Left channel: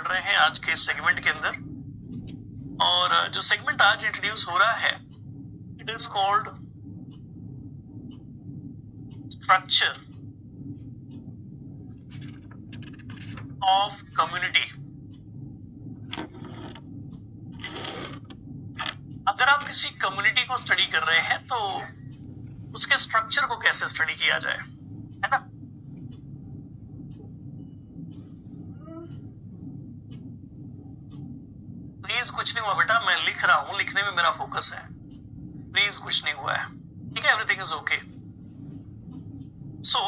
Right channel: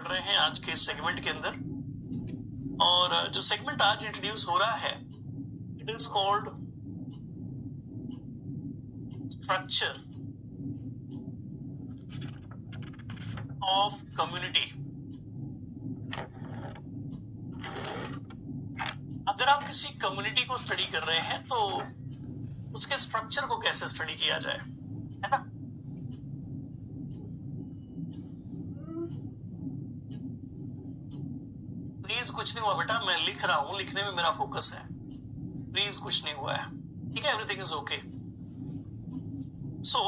बढ़ रहे हैं आज के सेगमेंट के अंदर। और जो सेगमेंट आज इंट्रोड्यूस हो रहा है it is called structure of community. अगर आप किसी कम्युनिटी को स्टडी कर रहे हैं तो उसके स्ट्रक्चर को कैसे स्टडी किया जाए, है ना। प्लीज कुछ नहीं हुआ बेटा, मैं लिख रहा हूं, लिखने में मेरा फोकस है। प्लीज कुछ नहीं हुआ है, ठीक है, everything is okay. So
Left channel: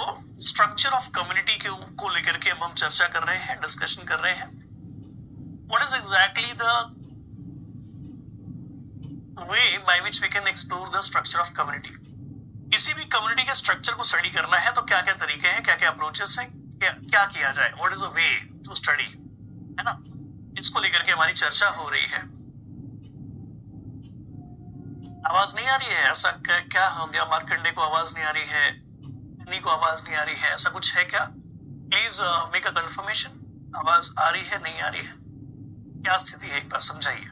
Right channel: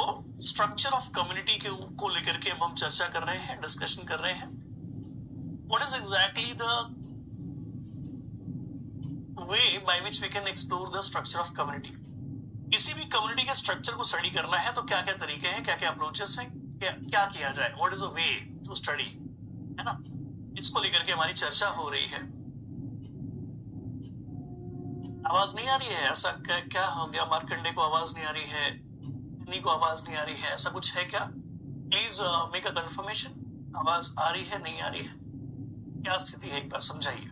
structure of community को लेकर के अब हम चर्चा कर रहे हैं, डिस्कशन कर रहे हैं। What is exactly the way by which we can explore the structure of community. किसी भी कम्युनिटी के स्ट्रक्चर को स्टडी करना है तो क्या क्या तरीके हैं, क्या क्या अप्रोचेस हैं, क्या किया जाए, what is a way to study, है ना। इसको लेकर के हमारी चर्चा हो रही है। आवाज नहीं आ रही है, ऐसा क्या हो गया, मार्कंडे को आवाज नहीं आ रही है, इन्हीं को आवाज नहीं आ रही है, ऐसा कुछ है क्या? प्लीज मेक अ कंफर्मेशन, आवाज आ रही है नहीं आ रही है, क्या स्थिति है, एक बार समझाइए।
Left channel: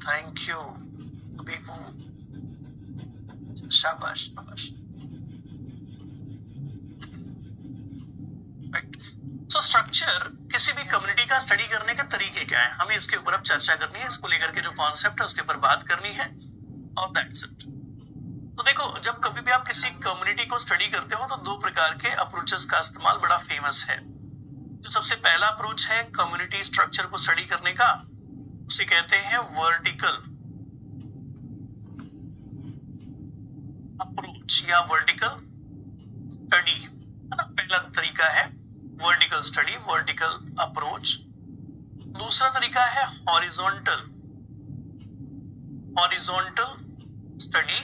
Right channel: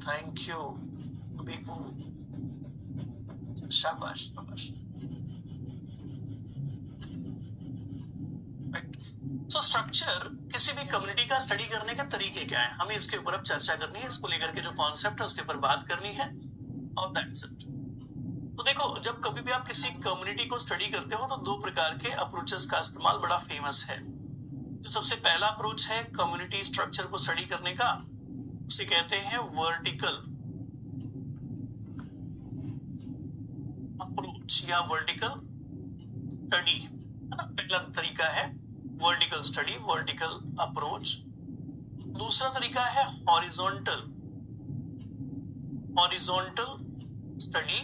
थैंक यू, अभी को शाबाश शाबाश। सो स्ट्रक्चर किसी भी कम्युनिटी का स्टडी करने के तरीके क्या है, हमें इसके ऊपर अब चर्चा करनी है। इसको लेकर के जो कॉन्सेप्ट है उसके ऊपर बात करनी है और दैट्स इट। तो देखो, जब कभी भी आप किसी कम्युनिटी को स्टडी करते हो तो दो प्रकार के अप्रोचेस का इस्तेमाल बड़ा फेमस है। जो सबसे पहला अप्रोच है कम्युनिटी स्ट्रक्चर को स्टडी करने का, उसे कहते हैं वर्टिकल अप्रोच या वर्टिकल स्टडी, है ना। पहला तरीका है वर्टिकल स्टडी, वर्टिकल अप्रोच। दूसरा तरीका है हॉरिजॉन्टल स्टडी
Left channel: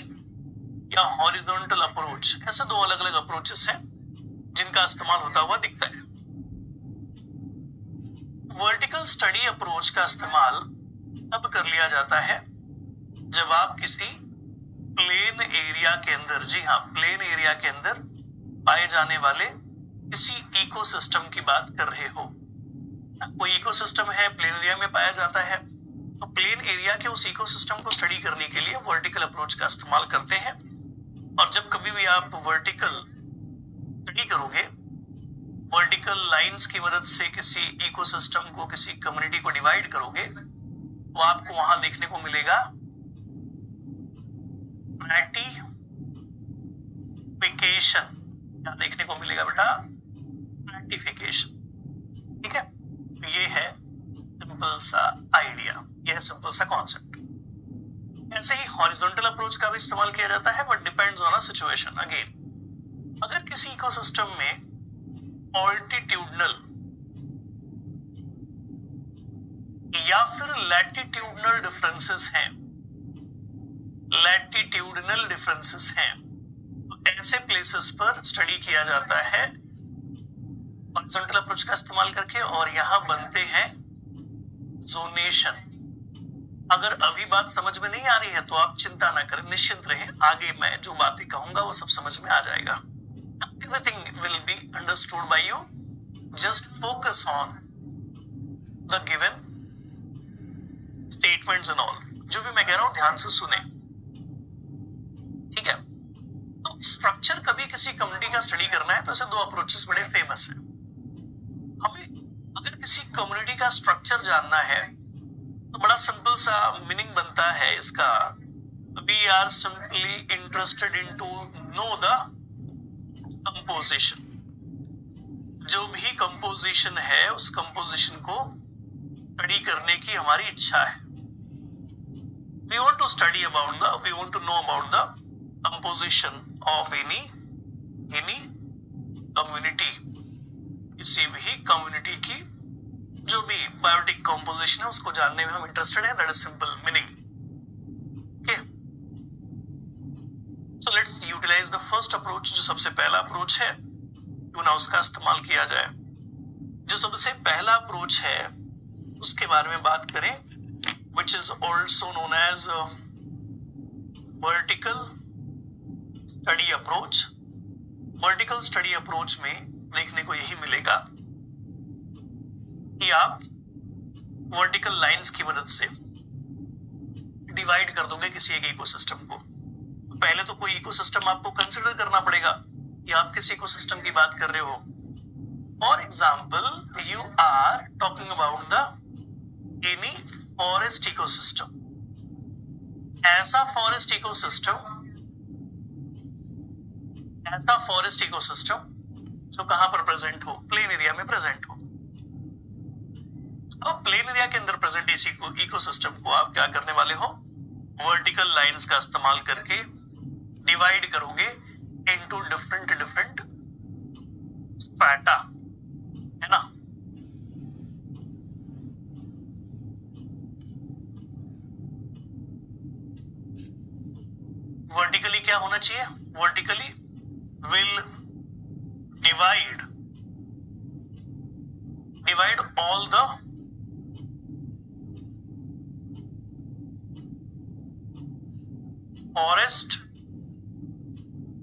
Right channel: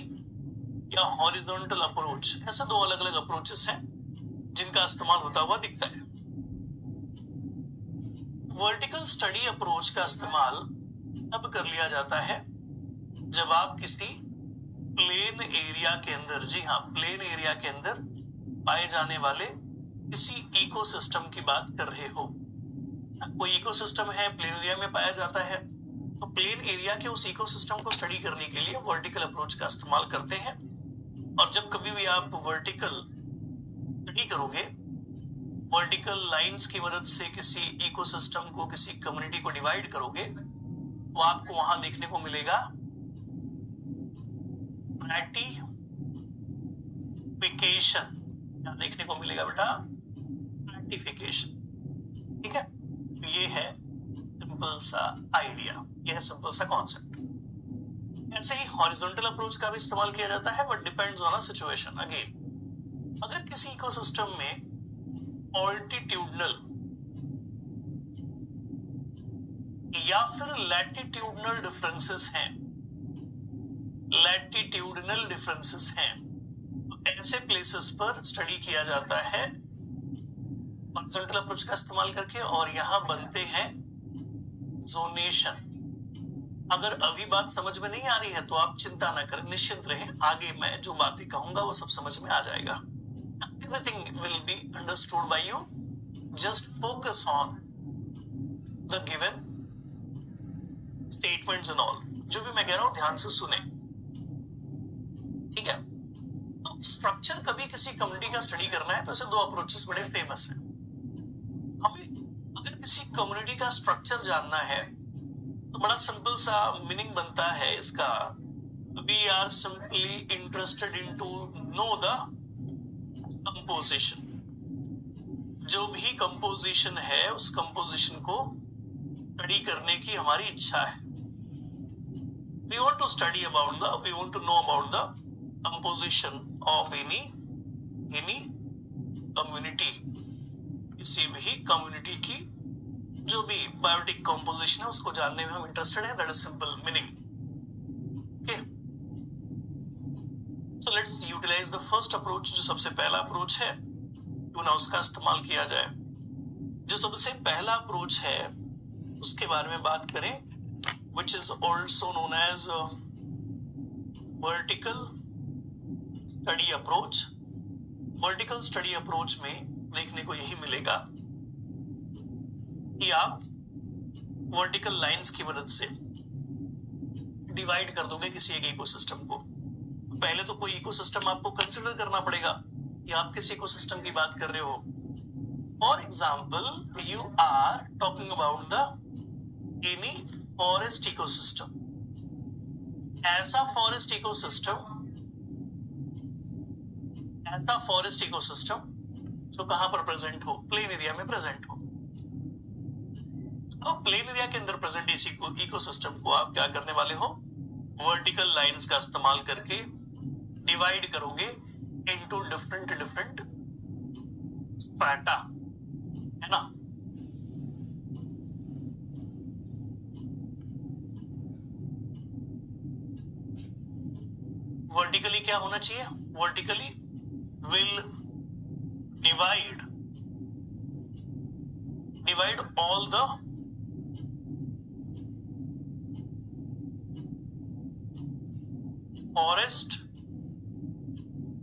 या हॉरिजॉन्टल अप्रोच। ऐसे दो अलग अलग अप्रोचेस हैं जिनका इस्तेमाल होता हुआ दिखता है। वर्टिकल स्टडी अप्रोच का इस्तेमाल तब कर लिया जाता है जब आप किसी प्लेन एरिया के अंदर, जी हाँ, प्लेन एरिया के अंदर पाए जाने वाले किसी इकोसिस्टम की बात कर रहे हो। कोई इकोसिस्टम है, प्लेन एरिया में पाया जाता है, तो प्लेन एरिया के उस इकोसिस्टम को स्टडी करने के लिए वर्टिकल अप्रोच का इस्तेमाल करते हैं। और जब कभी भी आप वर्टिकल स्टडी करोगे, वर्टिकल लाइंस की मदद से किसी इकोसिस्टम को, किसी कम्युनिटी को डिवाइड करोगे, तो आपको वहां देखने को मिलेगा स्ट्रैटिफिकेशन। क्या देखने को मिलेगा बेटा? स्ट्रैटिफिकेशन, ठीक है। तो ये है सिंपल सा आइडिया, ये है सिंपल सा कॉन्सेप्ट। ऐसे ही हॉरिजॉन्टल अप्रोच का भी इस्तेमाल किया जाता है, but depends on a situation. Again, अगर किसी इकोसिस्टम में ऑल्टीट्यूडनल या फिर लैटिट्यूडनल डिफरेंसेस हैं, तो ऐसे प्लेसेस पर स्टडी किया जाता है हॉरिजॉन्टल अप्रोच का इस्तेमाल करके, और यहां बनते हैं जोनेशन। अगर अभी बात समझ में नहीं आ रही है तो आप चिंता ना करें, निश्चिंत रहें, आगे मैं जो बातें कहूंगा वो सब समझ में आ जाएगा। Everything will be understood by you, just focus on the given statements and all. जो भी मैं कह रहा हूं ध्यान से सुने, ठीक है। तो स्ट्रक्चर कभी किसी कम्युनिटी का स्टडी करना है तो ऐसे दो अप्रोचेस बड़े फेमस हैं। हमें अगर किसी कम्युनिटी का स्ट्रक्चर जानना है तो बड़ा सिंपल सा मीनिंग बनता है इसका, we are simply interested in to know the composition. जो भी कंपोजिशन है उस कंपोजिशन को स्टडी करने की हमारी इच्छा है। We want to know about the composition of any community। किसी भी कम्युनिटी की जो भी बायोटिक कंपोजिशन है उसको जानने में हम इंटरेस्टेड हैं। That is simple meaning, okay. So let's utilise the first approach. जो सबसे पहला अप्रोच है क्यों ना उसका इस्तेमाल किया जाए। जो सबसे पहला अप्रोच है उसके बारे में बात करें, which is also known as vertical study approach। Vertical study approach में देखने को यही मिलेगा कि आप वर्टिकल लाइंस की मदद से डिवाइड कर दोगे किसी एक इकोसिस्टम को। पहले तो कोई इकोसिस्टम आपको कंसिडर करना पड़ेगा कि आप किस इकोसिस्टम की बात कर रहे हो। For example, you are talking about the any forest ecosystem. ऐसा फॉरेस्ट इकोसिस्टम जो कहां पर प्रेजेंट हो, प्लेन एरिया में प्रेजेंट हो। अब प्लेन एरिया के अंदर प्रेजेंट इसी इकोसिस्टम को आप क्या करने वाले हो, वर्टिकल लाइंस का इस्तेमाल करके डिवाइड करोगे इनटू डिफरेंट स्ट्रैटा, है ना। वर्टिकली क्या होना चाहिए, vertically will divide all the forest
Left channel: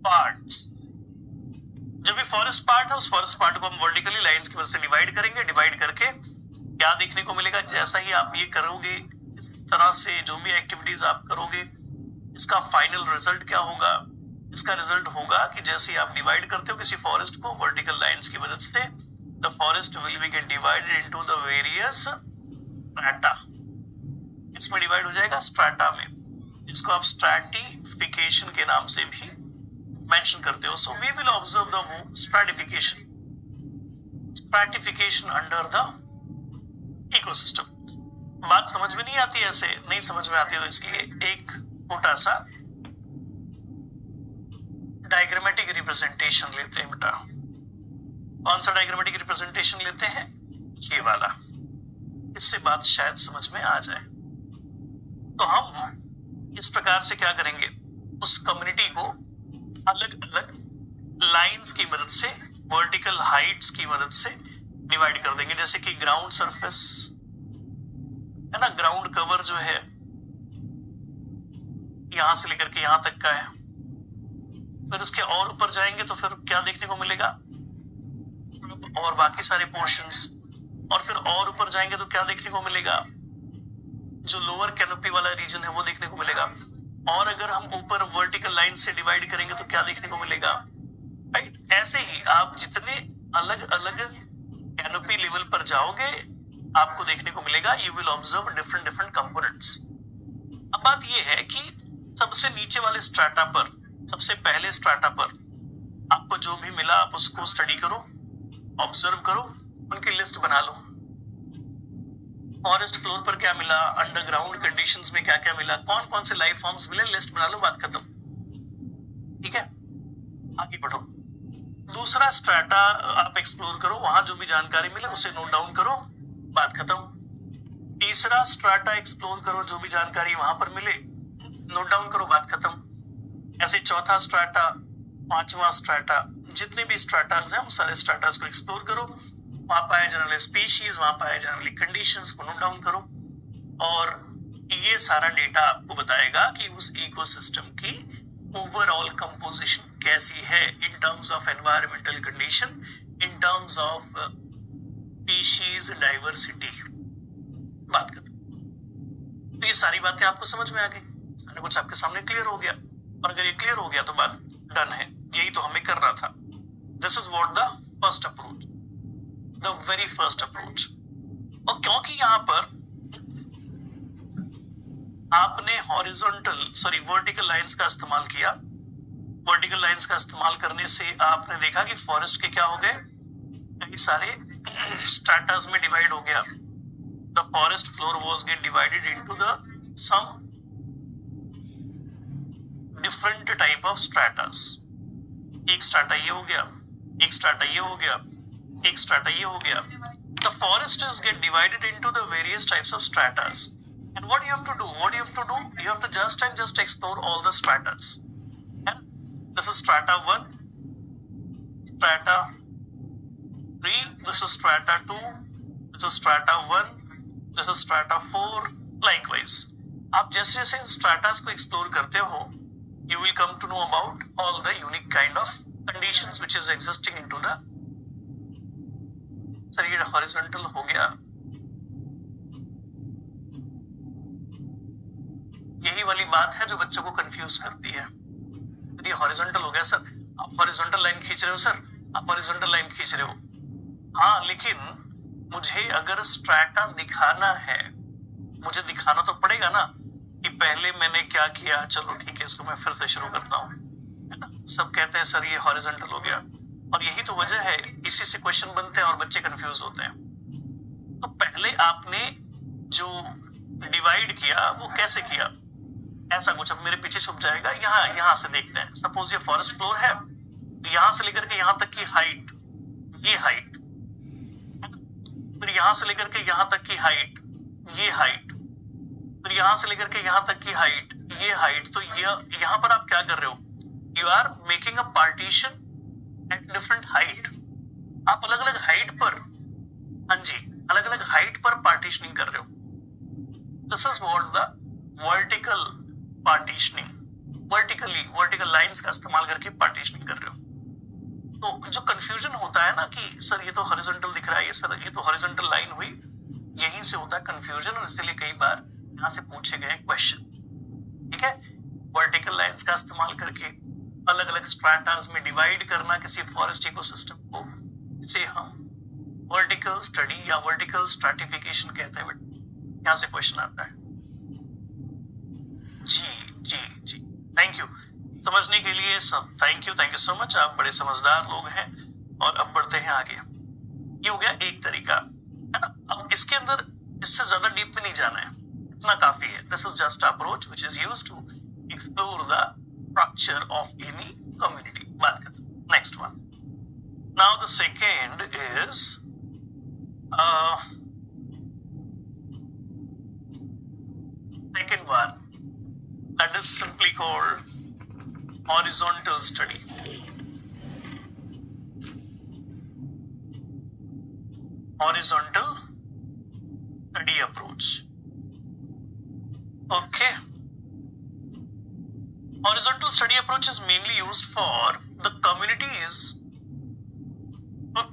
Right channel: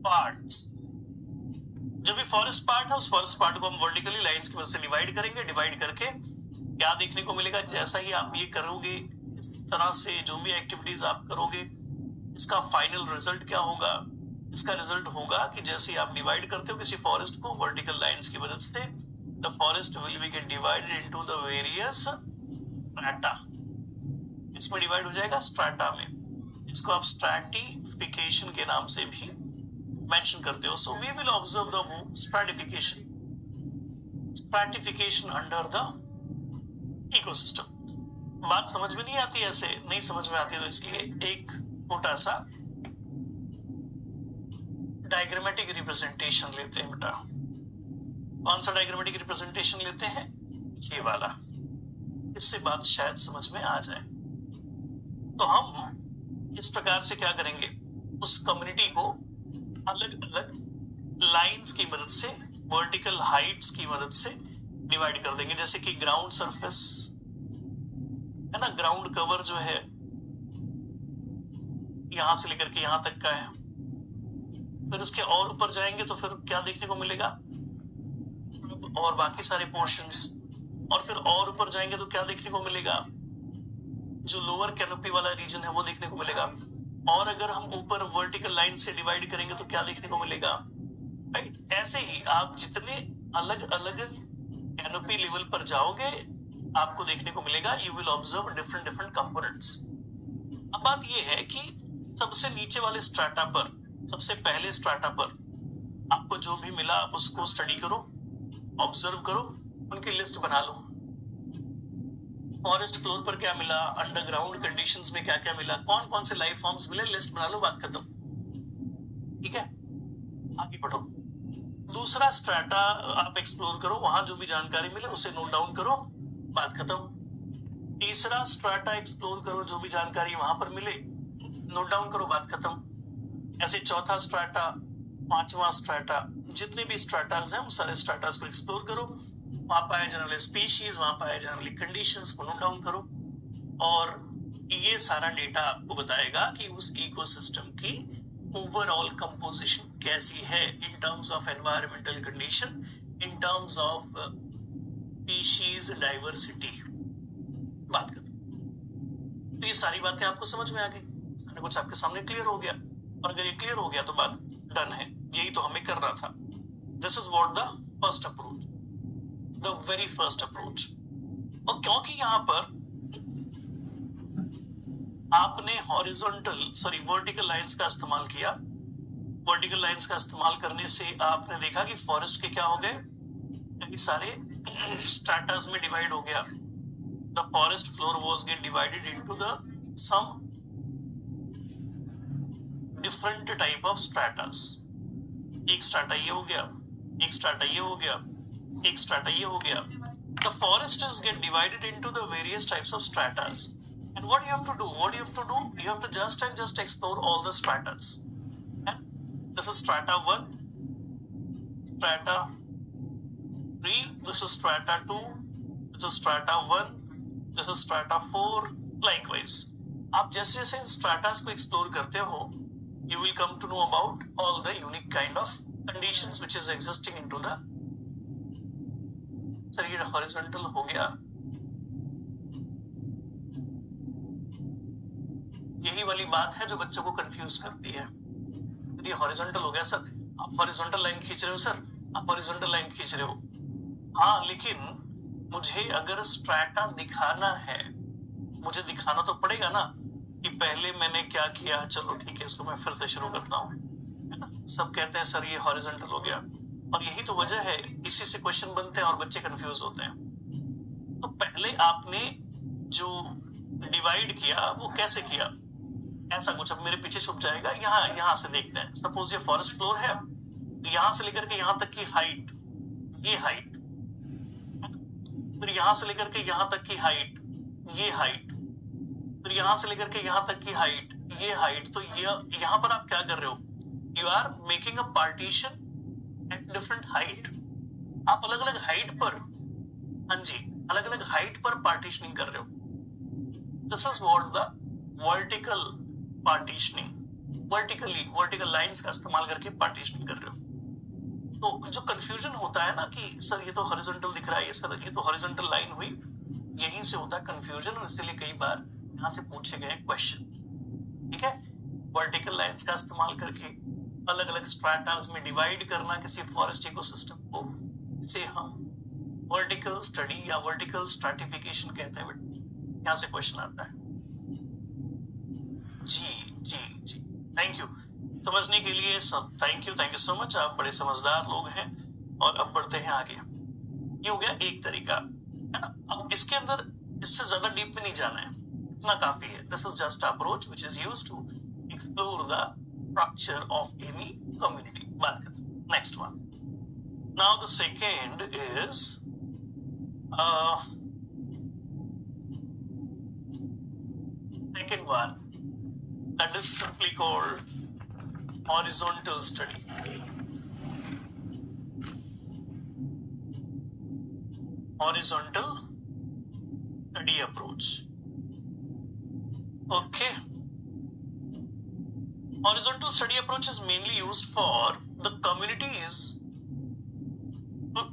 parts. जो भी फॉरेस्ट पार्ट है उस फॉरेस्ट पार्ट को हम वर्टिकली लाइंस की वजह से डिवाइड करेंगे। डिवाइड करके क्या देखने को मिलेगा, जैसा ही आप ये करोगे, इस तरह से जो भी एक्टिविटीज आप करोगे, इसका फाइनल रिजल्ट क्या होगा, इसका रिजल्ट होगा कि जैसे ही आप डिवाइड करते हो किसी फॉरेस्ट को वर्टिकल लाइंस की मदद से, the forest will be gate divided into the various strata. इसमें डिवाइड हो जाएगा स्ट्रैटा में। इसको आप स्ट्रैटिफिकेशन के नाम से भी मेंशन करते हो। So we will observe the stratification under the ecosystem. बात समझ में नहीं आती, ऐसे नहीं समझ में आती, तो इसके लिए एक छोटा सा डायग्रामेटिक रिप्रेजेंटेशन लेते हैं बेटा। कौन सा डायग्रामेटिक रिप्रेजेंटेशन लेते हैं, ये वाला। इससे बात शायद समझ में आ जाए। तो हम इस प्रकार से क्या करेंगे, उस कम्युनिटी को अलग अलग लाइंस की मदद से, वर्टिकल हाइट्स की मदद से डिवाइड कर देंगे। जैसे कि ग्राउंड सरफेस है ना, ग्राउंड कवर जो है यहां से लेकर के यहां तक का है। फिर उसके और ऊपर जाएंगे तो फिर क्या देखने को मिलेगा, और बाकी सारे पोर्शंस। और फिर और ऊपर जाएंगे तो क्या देखने को मिलेगा, जो लोअर कैनोपी वाला रीजन है वो देखने को मिलेगा। और अगर हम ऊपर वर्टिकल लाइन से डिवाइड करेंगे तो क्या देखने को मिलेगा, राइट। ऐसे ही आप जितने अलग अलग कैनोपी लेवल पर जाओगे आपको देखने को मिलेगा, you will observe different components. अब बात ये है कि सबसे नीचे वाले स्ट्रैटा पर, सबसे पहले स्ट्रैटा पर आपको जो भी मिला आप उसको स्टडी करो, ऑब्जर्व करो, उनकी लिस्ट बना लो। फॉरेस्ट फ्लोर पर क्या मिला, अंडरग्राउंड कंडीशंस में क्या क्या मिला, कौन कौन से लाइफ फॉर्म्स मिले, लिस्ट बना लो, बात खत्म। ठीक है, आगे बढ़ो। दूसरा स्ट्रैटा आप एक्सप्लोर करो, वहां जो भी जानकारी मिले उसे नोट डाउन करो, बात खत्म। तीसरा स्ट्रैटा एक्सप्लोर करो, जो भी जानकारी वहां पर मिले नोट डाउन करो, बात खत्म। ऐसे चौथा स्ट्रैटा, पांचवा स्ट्रैटा, जितने भी स्ट्रैटास हैं उन सारे स्ट्रैटास को एक्सप्लोर करो। वहां पाए जाने वाले स्पीशीज, वहां पाए जाने वाली कंडीशंस को नोट डाउन करो। और ये सारा डेटा आपको बताएगा कि उस इकोसिस्टम की ओवरऑल कंपोजिशन कैसी है in terms of environmental condition, in terms of species diversity. बात करते, तो ये सारी बातें आपको समझ में आ गई, सारा कुछ आपके सामने क्लियर हो गया। और अगर ये क्लियर हो गया तो बात डन है, यही तो हमें करना था। This is what the first approach, the very first approach. और क्योंकि यहां पर आपने वर्टिकल लाइंस का इस्तेमाल किया, वर्टिकल लाइंस का इस्तेमाल करने से आपने देखा कि फॉरेस्ट के क्या हो गए, कई सारे स्ट्रैटास में डिवाइड हो गया। The forest floor was get divided into the some different type of stratas. एक स्ट्रैटा ये हो गया, एक स्ट्रैटा ये हो गया, एक स्ट्रैटा ये हो गया। The forests get divided into the various types of stratas. And what you have to do? You have to just explore all the stratas. And this is strata 1, strata 3, this is strata 2, this is strata 1, this is strata 4, likewise. आप जैसे जैसे इन stratas को explore करते हो, you will come to know about all the unique kind of conditions which is existing into the, sir ये horizontal हो गया, यही वाली बात है जो बच्चों को कंफ्यूज करती है। ये हॉरिजॉन्टल हो गया सर, आप हॉरिजॉन्टल लाइन खींच रहे हो सर, आप हॉरिजॉन्टल लाइन खींच रहे हो, हाँ लेकिन मुझे अगर स्ट्रैटा दिखाना है, मुझे दिखाना तो पड़ेगा ना कि पहले मैंने क्या किया। चलो ठीक है, इसको मैं फिर से शुरू करता हूँ, है ना। सब कहते हैं सर ये हॉरिजॉन्टल हो गया, और यही तो वजह है, इसी से क्वेश्चन बनते हैं और बच्चे कंफ्यूज होते हैं। तो पहले आपने जो डिवाइड किया वो कैसे किया, ऐसा कुछ अब मेरे पीछे छुप जाएगा। यहाँ से देखते हैं, सपोज ये फॉरेस्ट फ्लोर है, यहां से लेकर के यहां तक की हाइट, ये हाइट, फिर यहां से लेकर के यहां तक की हाइट, ये हाइट, फिर यहां से लेकर के यहां तक की हाइट, ये हाइट। तो यहां पर आप क्या कर रहे हो, you are making a partition at different height. आप अलग अलग हाइट पर, हाँ जी, अलग अलग हाइट पर पार्टीशनिंग कर रहे हो। This is what the vertical partitioning, vertical lines का इस्तेमाल करके पार्टीशनिंग कर रहे हो। तो जो कंफ्यूजन होता है ना कि सर ये तो हॉरिजॉन्टल दिख रहा है, ये सर ये तो हॉरिजॉन्टल लाइन हुई, यहीं से होता है कंफ्यूजन, और इसलिए कई बार यहां से पूछे गए क्वेश्चन। ठीक है, वर्टिकल लाइंस का इस्तेमाल करके अलग अलग स्ट्रैटास में डिवाइड करना किसी फॉरेस्ट इकोसिस्टम को, इसे हम वर्टिकल स्टडी या वर्टिकल स्ट्रैटिफिकेशन कहते हैं। यहां से क्वेश्चन आता है। जी, थैंक यू समझने के लिए सब, थैंक यू सो मच, आप बड़े समझदार लोग हैं। और अब बढ़ते हैं आगे। ये हो गया एक तरीका, है ना। अब इसके अंदर इससे ज्यादा डीप में नहीं जाना है, इतना काफी है। This is just approach which is used to explore the structure of any community. बात करते हैं next one. Now the second is second one, that is simply called horizontal study. Horizontal study approach. Okay. Horizontal study approach is mainly used for the communities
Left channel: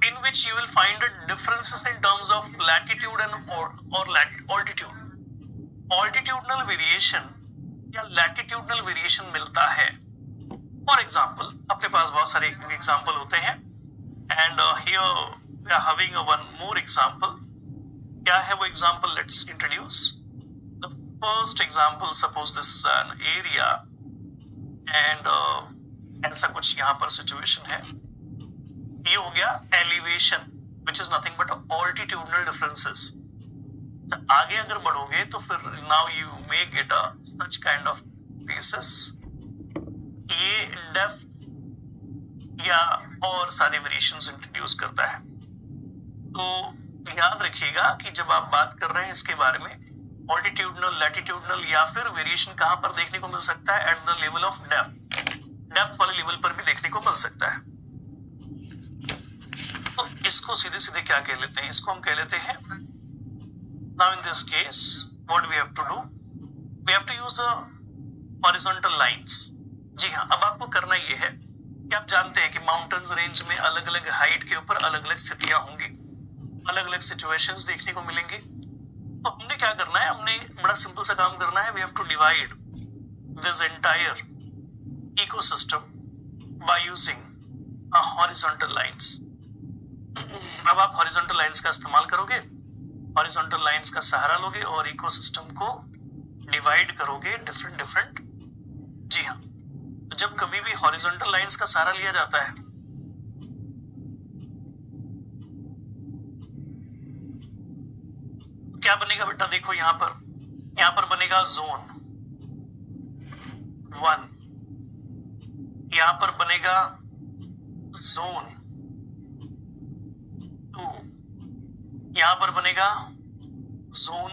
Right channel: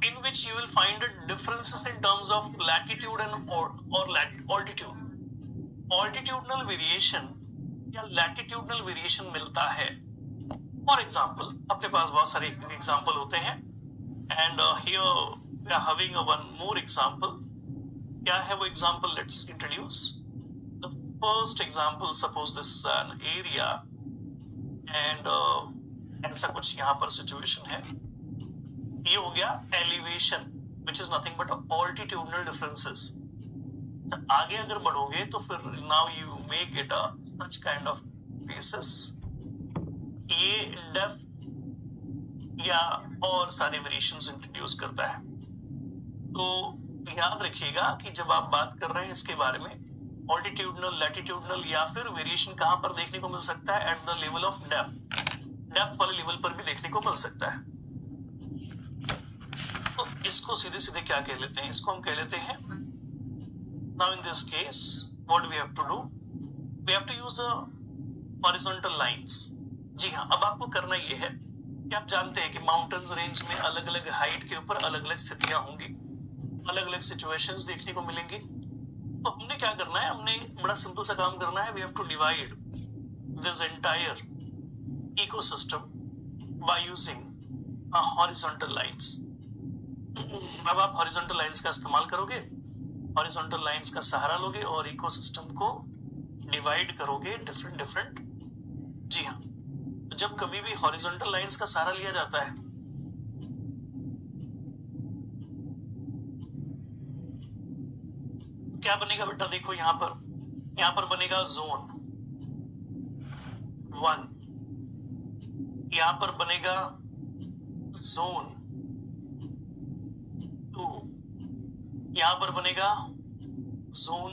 in which you will find differences in terms of latitude and or altitude. Altitudinal variation या latitudinal variation मिलता है। For example, अपने पास बहुत सारे example होते हैं, and here we are having one more example. क्या है वो example, let's introduce the first example. Suppose this is an area and ऐसा कुछ यहाँ पर सिचुएशन है। ये हो गया elevation which is nothing but altitudinal differences. आगे अगर बढ़ोगे तो फिर now you may get a such kind of places. ये डेप्थ या और सारे वेरिएशंस इंट्रोड्यूस करता है। तो याद रखिएगा कि जब आप बात कर रहे हैं इसके बारे में, ऑल्टीट्यूडनल, लैटिट्यूडनल या फिर वेरिएशन कहां पर देखने को मिल सकता है, at the level of depth वाले लेवल पर भी देखने को मिल सकता है। तो इसको सीधे सीधे क्या कह लेते हैं, इसको हम कह लेते हैं, now in this case what we have to do, we have to use the horizontal lines. जी हाँ, अब आपको करना ये है कि आप जानते हैं कि माउंटेन्स रेंज में अलग अलग हाइट के ऊपर अलग अलग स्थितियां होंगी, अलग अलग सिचुएशंस देखने को मिलेंगे। तो हमने क्या करना है, हमने बड़ा सिंपल सा काम करना है। we have to divide this entire ecosystem by using a horizontal lines. अब आप horizontal lines का इस्तेमाल करोगे, हॉरिजॉन्टल लाइंस का सहारा लोगे और इकोसिस्टम को डिवाइड करोगे डिफरेंट। जी हाँ, जब कभी भी हॉरिजॉन्टल लाइंस का सहारा लिया जाता है क्या बनेगा बेटा, देखो यहां पर बनेगा जोन 1, यहां पर बनेगा जोन 2, यहां पर बनेगा zone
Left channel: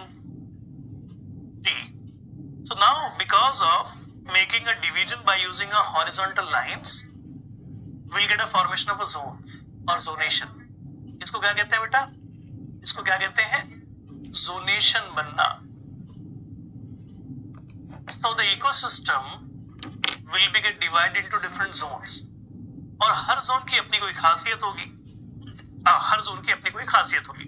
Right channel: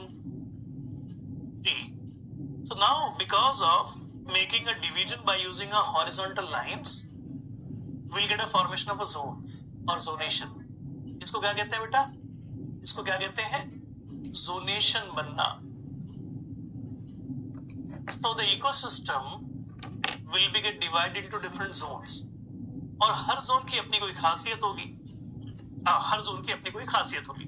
3. So now because of making a division by using a horizontal lines, we'll get a formation of a zones or zonation. इसको क्या कहते हैं बेटा, इसको क्या कहते हैं, zonation बनना. So the ecosystem will be get divided into different zones. और हर जोन की अपनी कोई खासियत होगी। हर जोन की अपनी कोई खासियत होगी।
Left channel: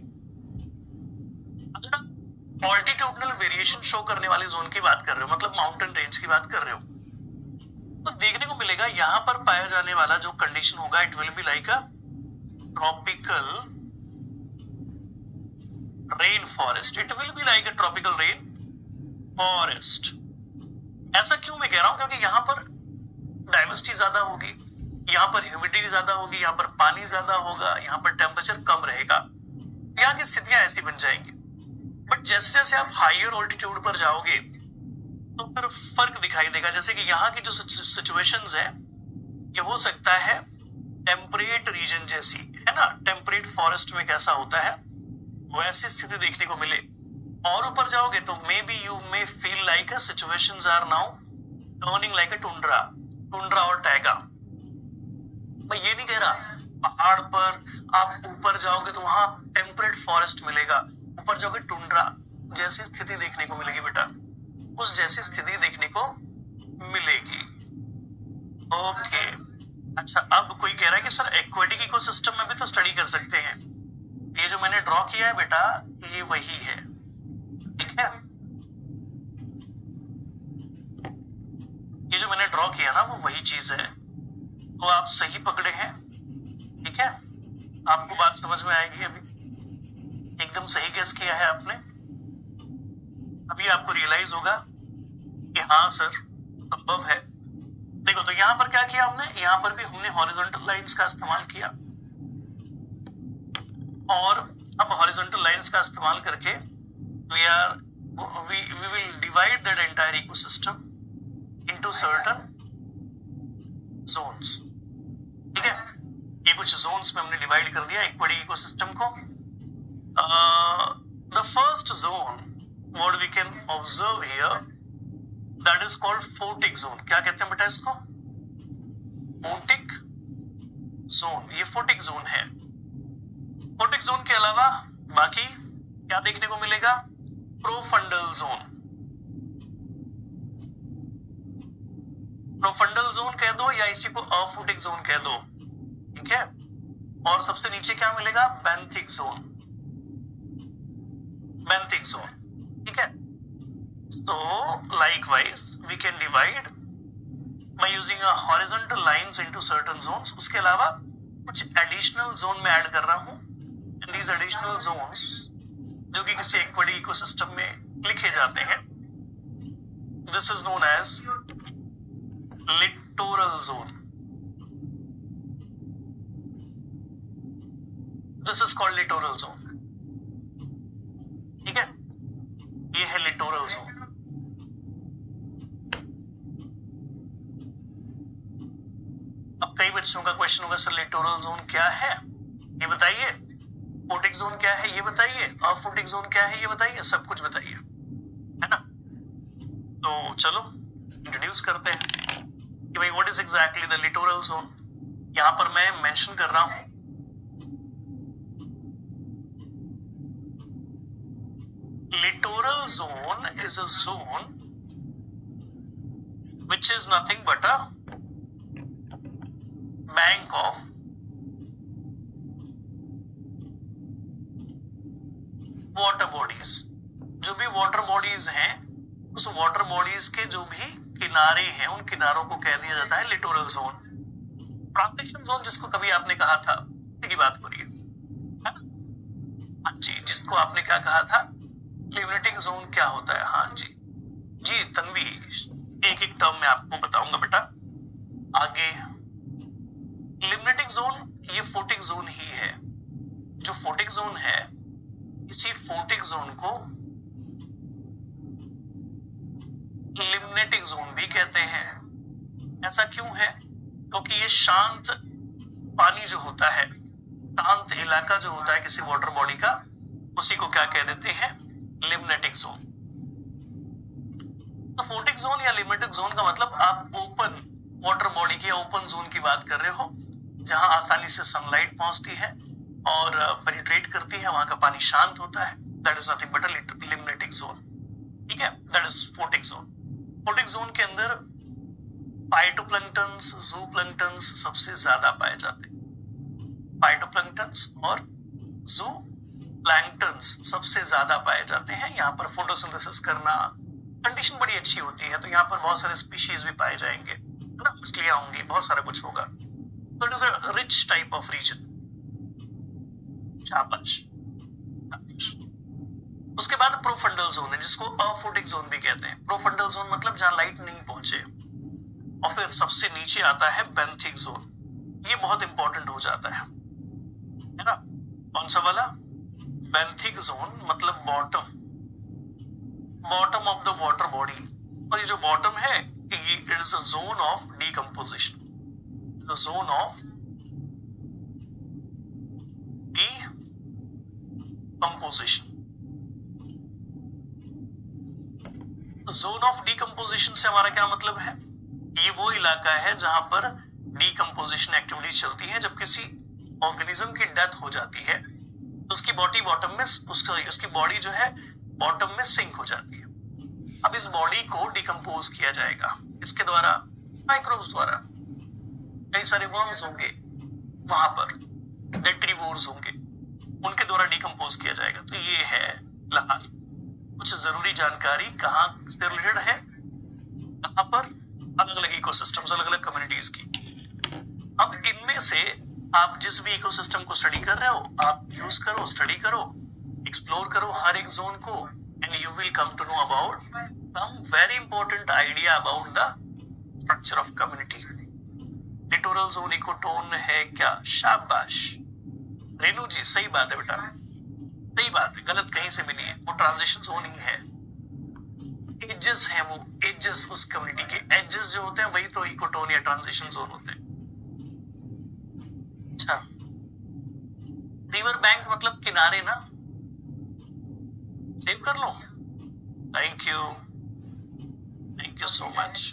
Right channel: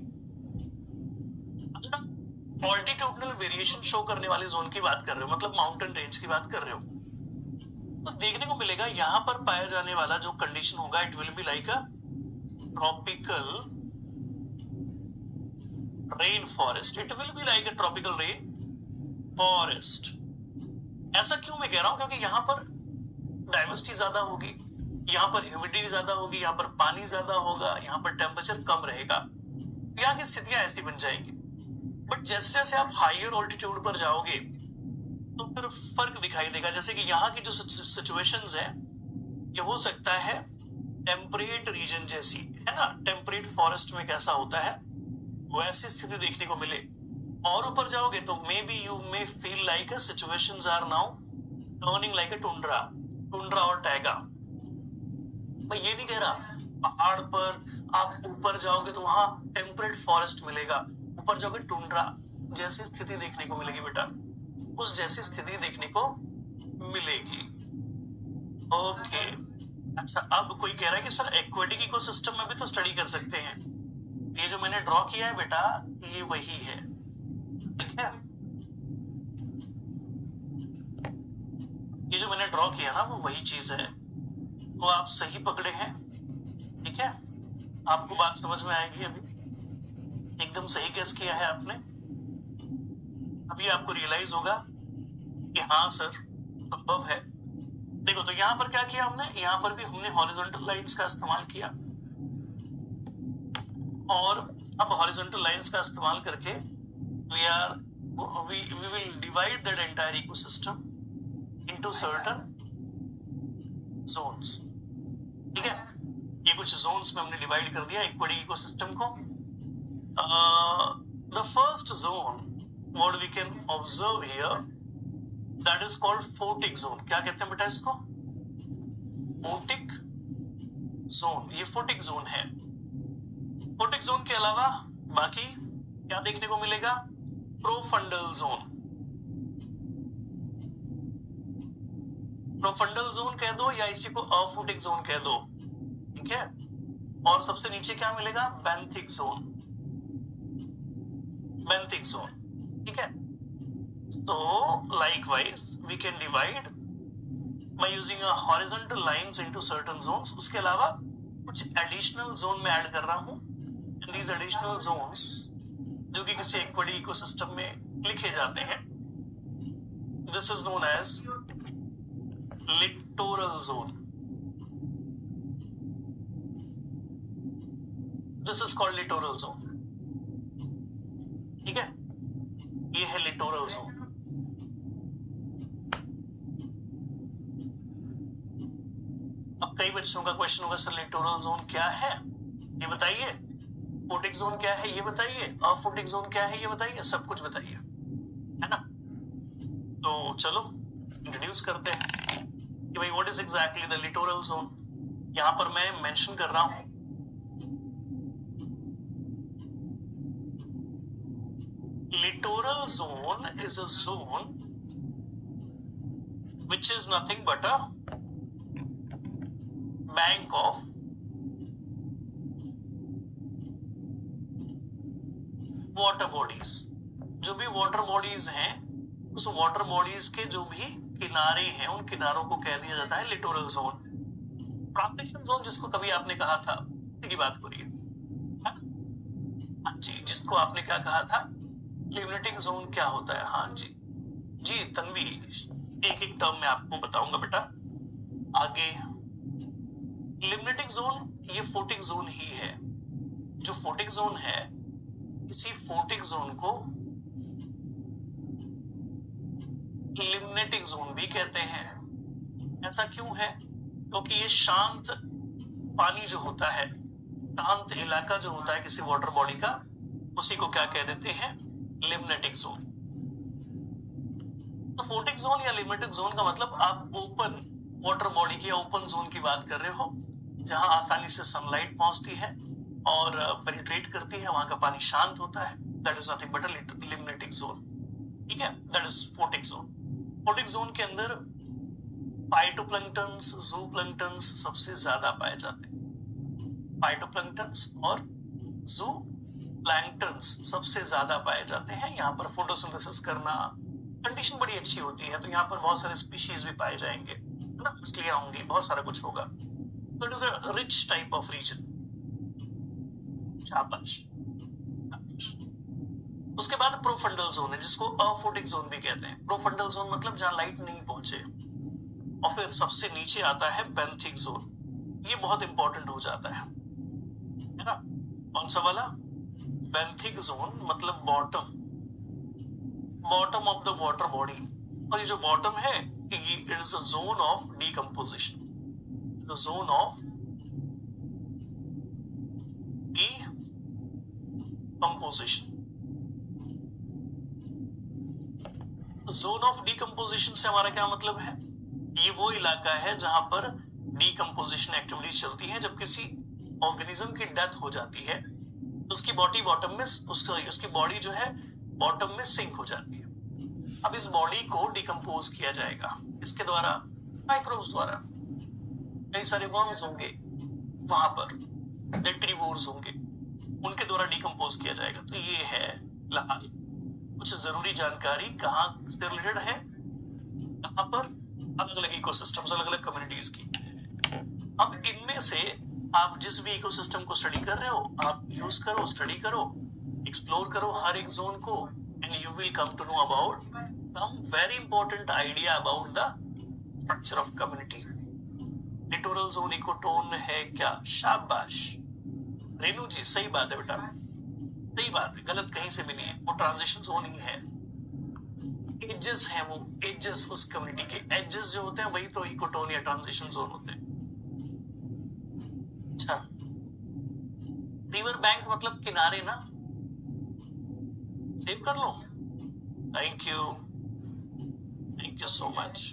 अगर आप ऑल्टीट्यूडनल वेरिएशन शो करने वाले जोन की बात कर रहे हो, मतलब माउंटेन रेंज की बात कर रहे हो, तो देखने को मिलेगा यहां पर पाया जाने वाला जो कंडीशन होगा, it will be like a tropical rain forest. It will be like a tropical rain forest. ऐसा क्यों मैं कह रहा हूं? क्योंकि यहां पर डाइवर्सिटी ज्यादा होगी, यहां पर ह्यूमिडिटी ज्यादा होगी, यहां पर पानी ज्यादा होगा, यहां पर टेम्परेचर कम रहेगा, यहां की स्थितियां ऐसी बन जाएंगी। बट जैसे जैसे आप हायर ऑल्टीट्यूड पर जाओगे तो फिर फर्क दिखाई देगा। जैसे कि यहाँ की जो सिचुएशंस है, ये हो सकता है टेम्परेट रीजन जैसी, है ना, टेम्परेट फॉरेस्ट में कैसा होता है वैसी स्थिति देखने को मिले। और ऊपर जाओगे तो maybe you may feel like a situations are now turning like a tundra और टैगा। मैं ये नहीं कह रहा पहाड़ पर आप ऊपर जाओगे तो वहां टेम्परेट फॉरेस्ट मिलेगा, ऊपर जाओगे टुंड्रा जैसी स्थिति देखने को मिलेगी बेटा, उस जैसी स्थिति देखने को मिलेगी। ओके, अच्छा, अब कोई कह रहा है कि सर एक्वेटिक इकोसिस्टम में भी तो स्टडी कर सकते हैं। ये जो मैंने ड्रॉ किया है बेटा, ये वही है, ठीक है। ये जो मैंने ड्रॉ किया ना, वो वही चीज है। तो आप सही पकड़े हैं, ठीक है। आपको बात समझ में आएगी। अभी एकदम सही गेस किया है आपने। अभी आपको रियलाइज होगा कि हाँ सर संभव है। देखो, तो यहां पर क्या किया हमने, यहां पर भी हमने हॉरिजॉन्टल लाइंस का इस्तेमाल किया, और अब हॉरिजॉन्टल लाइंस का इस्तेमाल करके we will divide that entire ecosystem into certain zones, ठीक है। ये कुछ zones में हमने डिवाइड कर दिया एक्वेटिक इकोसिस्टम को। The first zone what we can observe here, that is called photic zone। क्या कहते हैं बेटा इसको? Photic zone. ये फोटिक जोन है। फोटिक जोन के अलावा बाकी क्या देखने को मिलेगा? Profundal zone. प्रोफंडल जोन कह दो या इसी को अफोटिक जोन कह दो, ठीक है। और सबसे नीचे क्या मिलेगा? Benthic zone. बेंथिक जोन, ठीक है। So likewise we can divide by using a horizontal lines into certain zones। उसके अलावा कुछ एडिशनल जोन में ऐड कर रहा हूं, and these additional zones जो कि किसी एक्वेटिक इकोसिस्टम में लिखे जाते हैं, this is known as littoral zone। This is called littoral zone, ठीक है। ये है लिटोरल जोन। अब कई बच्चों का क्वेश्चन होगा, सर लिटोरल जोन क्या है ये बताइए, फोटिक जोन क्या है ये बताइए, अफोटिक जोन क्या है ये बताइए, सब कुछ बताइए, है ना। तो चलो इंट्रोड्यूस करते हैं कि भाई what is exactly the littoral zone. यहां पर मैं मेंशन कर रहा हूं littoral zone is a zone which is nothing but a bank of water bodies। जो भी वाटर बॉडीज हैं, उस वाटर बॉडीज के जो भी किनारे हैं, उन किनारों को कह दिया जाता है लिटोरल जोन। ट्रांजिशन जोन जिसको कभी आपने कहा था, की बात हो रही है ना? हाँ जी, जिसको आपने क्या कहा था, लिमिटिंग जोन क्या होता है? हाँ जी जी तन्वी, एक एक टर्म में आपको बताऊंगा बेटा आगे। लिमिटिंग जोन ये फोटिक जोन ही है। जो फोटिक जोन है, इसी फोटिक जोन को लिमिटिंग जोन भी कहते हैं। ऐसा क्यों है? क्योंकि ये शांत पानी जो होता है, शांत इलाका जो होता है किसी वाटर बॉडी का, उसी को क्या कह देते हैं? लिमिटिक जोन। तो फोटिक जोन या लिमिटिक जोन का मतलब आप ओपन वाटर बॉडी की या ओपन जोन की बात कर रहे हो, जहां आसानी से सनलाइट पहुंचती है और पेनिट्रेट करती है, वहां का पानी शांत होता है। That is nothing but a लिमिटिक zone, ठीक है। That is photic zone. Photic zone के अंदर फाइटोप्लैंक्टन्स, ज़ूप्लैंक्टन्स सबसे ज्यादा पाए जाते हैं। फाइटोप्लैंक्टन्स और ज़ूप्लैंक्टन्स सबसे ज्यादा पाए जाते हैं। यहाँ पर फोटोसिंथेसिस करना, कंडीशन बड़ी अच्छी होती है, तो यहाँ पर बहुत सारे स्पीशीज भी पाए जाएंगे, है ना, मछलियां होंगी, बहुत सारा कुछ होगा। तो it is a rich type of region. शाबाश। उसके बाद प्रोफंडल जोन है, जिसको अफोटिक जोन भी कहते हैं। प्रोफंडल जोन मतलब जहां लाइट नहीं पहुंचे। और फिर सबसे नीचे आता है बेंथिक जोन। ये बहुत इंपॉर्टेंट हो जाता है ना। कौन सा वाला? बेंथिक जोन मतलब bottom, bottom of the water body. और ये जो बॉटम है, ये it is a zone of decomposition, the zone of decomposition. Zone of decomposition से हमारा क्या मतलब है? ये वो इलाका है जहां पर डीकंपोजिशन एक्टिविटीज चलती है। जब किसी ऑर्गेनिज्म की डेथ हो जाती है तो उसकी बॉडी बॉटम में, उसकी बॉडी जो है बॉटम में सिंक हो जाती है। अब इस बॉडी को डिकम्पोज किया जाएगा, इसके द्वारा, माइक्रोब्स द्वारा। कई सारे वर्म्स होंगे वहां पर, डेट्रीवोर्स होंगे, उनके द्वारा डिकम्पोज किया जाएगा। तो ये है फिलहाल कुछ जरूरी जानकारी कहाँ से रिलेटेड है, कहाँ पर, अलग अलग इकोसिस्टम्स, अलग अलग कम्युनिटीज की। अब इनमें से आप जिस भी इकोसिस्टम को स्टडी कर रहे हो, आप यूज करो, स्टडी करो, एक्सप्लोर करो हर एक जोन को, and you will come to know about some very important idea about the structure of community. Littoral zone ecotone है क्या? शाबाश रेनू जी, सही बात है बेटा, सही बात है, गलत कहीं से भी नहीं है। वो ट्रांजिशन जोन ही है। एजेस हैं, वो एजेस, उस कम्युनिटी के एजेस जो होते हैं वही तो इकोटोन या ट्रांजिशन जोन होते हैं। अच्छा, रिवर बैंक मतलब किनारे ना, सेव कर लो। Thank you so much.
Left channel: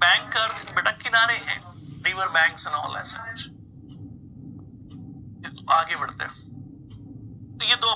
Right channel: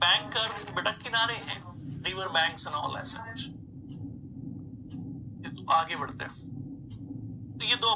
Banker बेटा किनारे हैं, रिवर बैंक्स एंड ऑल ऐसा कुछ। आगे बढ़ते हैं। तो ये दो